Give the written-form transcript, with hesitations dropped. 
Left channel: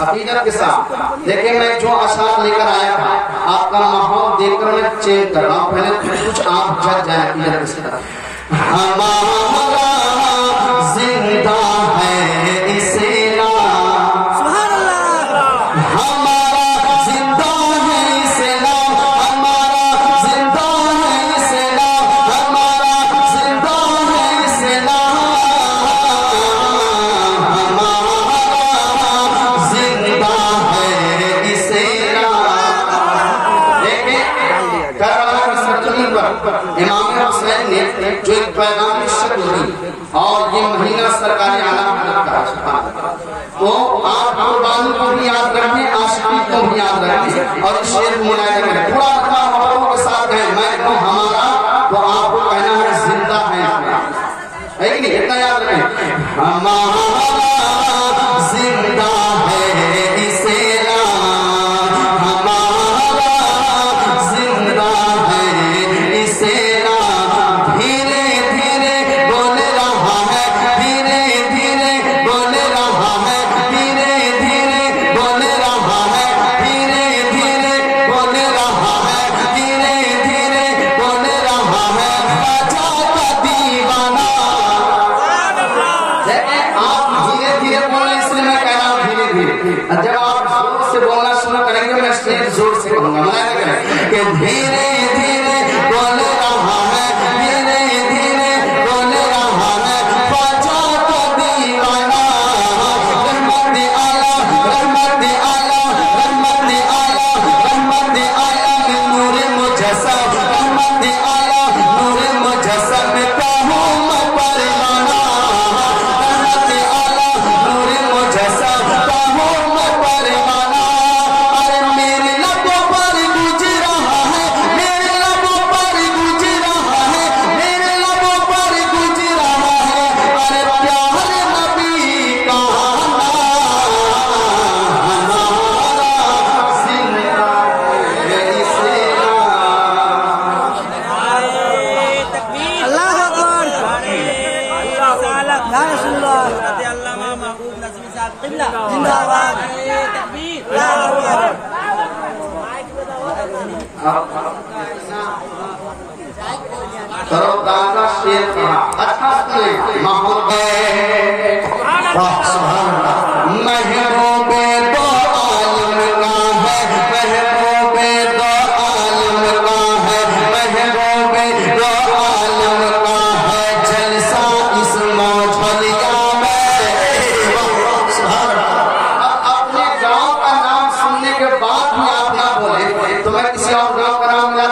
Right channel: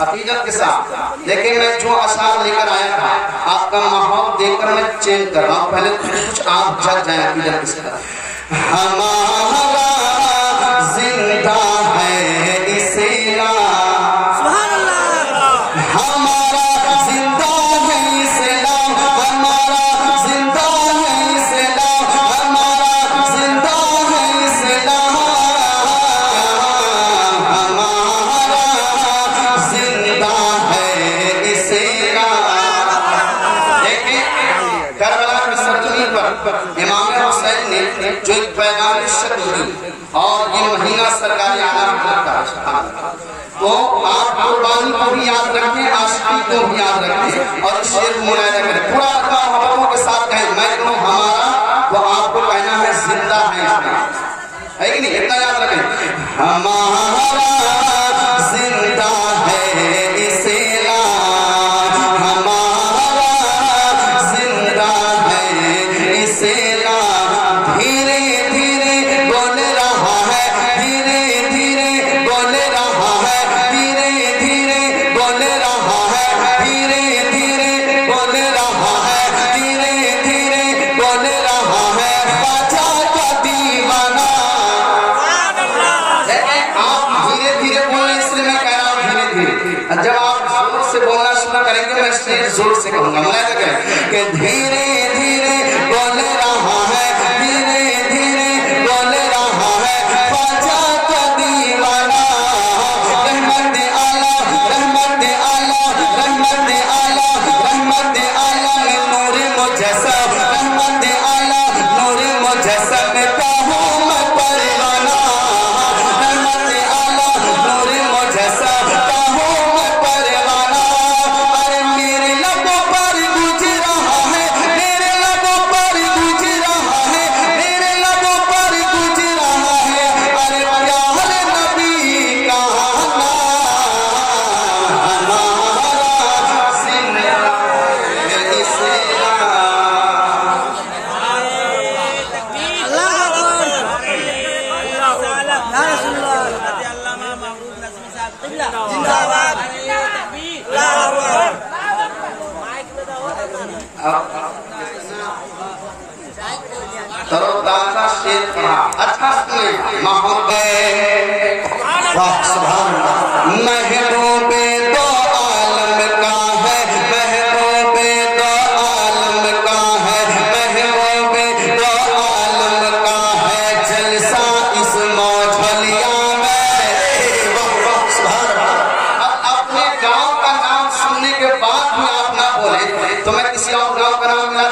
हकीकत के साथ। लेकिन मैं जो अशार लेकर आया था आपका माहौल देखकर मैं चेंज कर रहा हूँ। पहले कुछ आप जज जाए हकीकत के साथ। हमारा जिंदा है इस्लाम, हमारा जिंदा है इस्लाम, हमारा जिंदा है इस्लाम, हमारा जिंदा है इस्लाम, हमारा जिंदा है इस्लाम। देखिए करबला की सरजमीन पर इमाम हुसैन ने जो एक पैगाम शक्ल और ये महीना सरकार आलम का तो आप कुर्बानी को भी याद रखें, आशिकी को भी याद रखें और शेर मुलायम करें। पूरा अपना हवालों के साथ है। मैं तो हमारा तो आपको कहना है जिंदा है इसमें, है कि नहीं? इतना याद रखें। हमारा जिंदा है इस्लाम, हमारा जिंदा है इस्लाम। धीरे धीरे बोल रहा है, धीरे धीरे बोल रहा है, धीरे धीरे बोल रहा है, धीरे धीरे बोल रहा है, धीरे धीरे बोल रहा है। राजा का दीवाना। आप धीरे धीरे बोले इसलिए मैं कह रहा हूँ धीरे धीरे। जब आप जोर से बोलना शुरू करेंगे मैं इसलिए जोर से कहूंगा। मैं कि धीरे धीरे बोल रहा है, धीरे धीरे बोल रहा है। राजा का दीवाना। रहमत आला, रहमत आला, रहमत आला, रहमत आला, नूर मुजस्सम, रहमत आला, नूर मुजस्सम, कहूँ मैं परवाना। रहमत आला, नूर मुजस्सम, कहूँ मैं परवाना। अरे मेरे लबों पर गूंज रहा है, मेरे लबों पर गूंज रहा है, मेरे लबों पर गूंज रहा है। अरे प्यारे नबी का तरोताजा शेर कहा। अच्छा सुने महबूबे दो आलम का है, महबूबे दो आलम का है, महबूबे दो आलम का है। जलसा इस मौजलिया में। अपने गांव का नाम सुनने के बाद भी आप ना बोले तो मैं किसी और गांव का नाम ना